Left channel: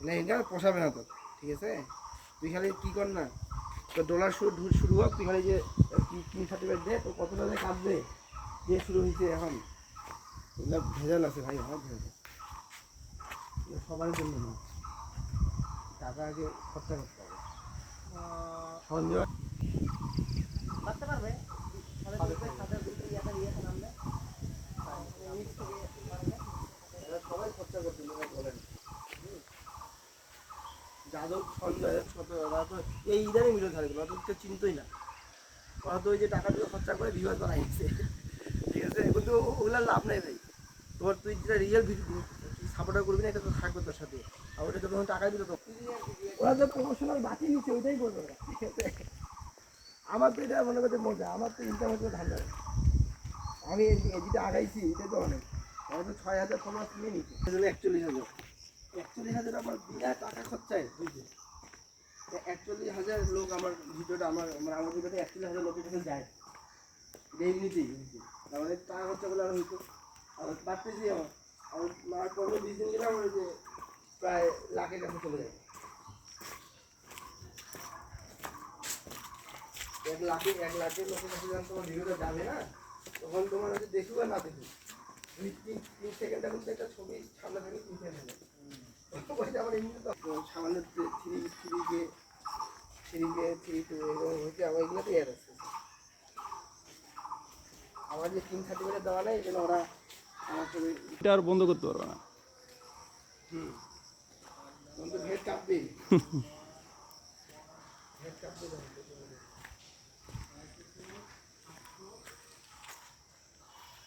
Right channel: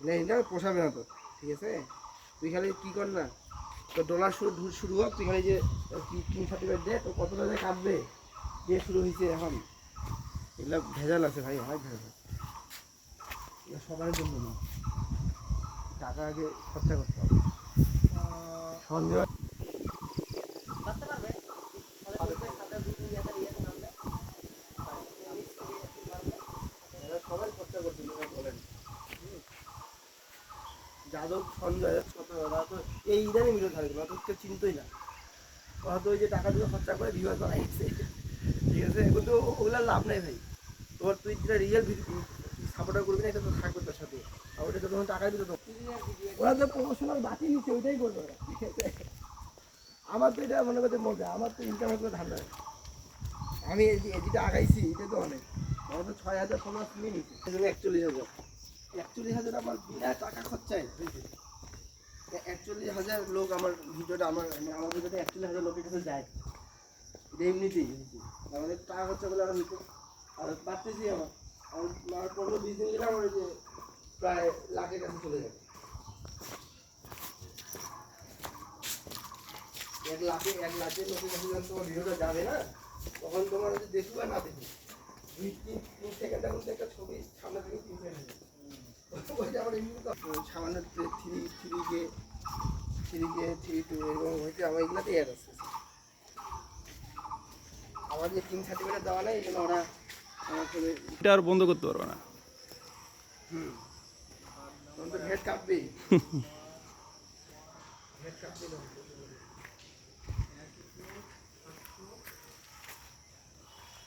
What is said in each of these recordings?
এটা পোষাবে না তো, ঠিক আছে? তুই খালি কী কর না, তো ডলার শুরু হোক, তুই খালি যে কিং সার্টিফিকেট দে, তো কতটা যে কাটবে, দিয়ে শুরু হয়েছে এখন। এগুলো ভেজাল আছে ভাই, অনেক ভেজাল আছে। এগুলো সবার জন্য না, টাকা আগে খরচা করতে হবে। সন্দেহ সবাই খরচা করছে, বলেন। যাদব সঞ্জয় কত ওরা তো এই ইদারে মিলে থাকে, ওরা তো চিনতই না। ওরা তো ওই যে টাকা দিয়ে খরচা করে ভিউয়ার বানাইছে, ঠিক আছে? এগুলো তো ওগুলার লাভ নেই ভাই। তোর তুই যেটা রিয়েল সাপোর্টার করবি না, এটা তো থাকবে তোর সাথে। আর ওটা তো তখন টাকাই দিতে, ওরা তো প্রমোশনাল বাকি নিচ্ছে, ওইটাই করবে ওরা, ঠিক আছে? আমার তো এটা মনে করছে মজা, আমার তো ইন্টারনেটে ধান্দা। আমি যেটা আগাইছি এটা তো অনেক। ওরা তো 6,000 ফলোয়ার্স নিয়ে নিচ্ছে, 41,000। 41,000 আমার বিনা টাকা খরচায় হয়েছে। 41,000 লোক আমার ভিডিওটা, আমার ভিডিওটা 41,000 লোকের কাছে যায়, এমনিতেই আমাদের টাকা খরচা করলে আমরা হইতো। আর বাড়তেছি আমার 15-20 দিন গেলে আমার যে প্রায় লাখের কাছে চলে যাবে। 1 লাখের লোকের কাছে যখন তোমার ভিডিওটা যাবে না, তখন তোমার হচ্ছে দেখবে না দেখবে 2-3 সেকেন্ড এখন তো একটা ছবি সামনে থাকে 3 সেকেন্ড। আমার এমনি তো সামান্য থ্রি টু এরকম হয়েছে, আমার এগুলোতে অ্যাড আছে। আমার যে কিং সার্টিফিকেট দেওয়া নেই, এই জন্য ওরা আমার সাথে এটা আর বন্ধ করতে পারবে না। তখন তো ভেট কাঁপবেই, ভেট কাঁপবে।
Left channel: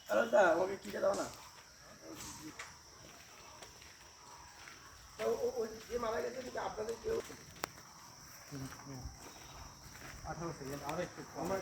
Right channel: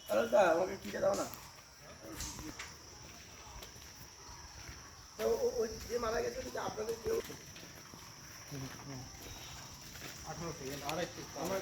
তাহলে আমাকে কিনে দাও না। তো ওই যে মারা গেছে আপনাদের কেউ 18 সেকেন্ড আমার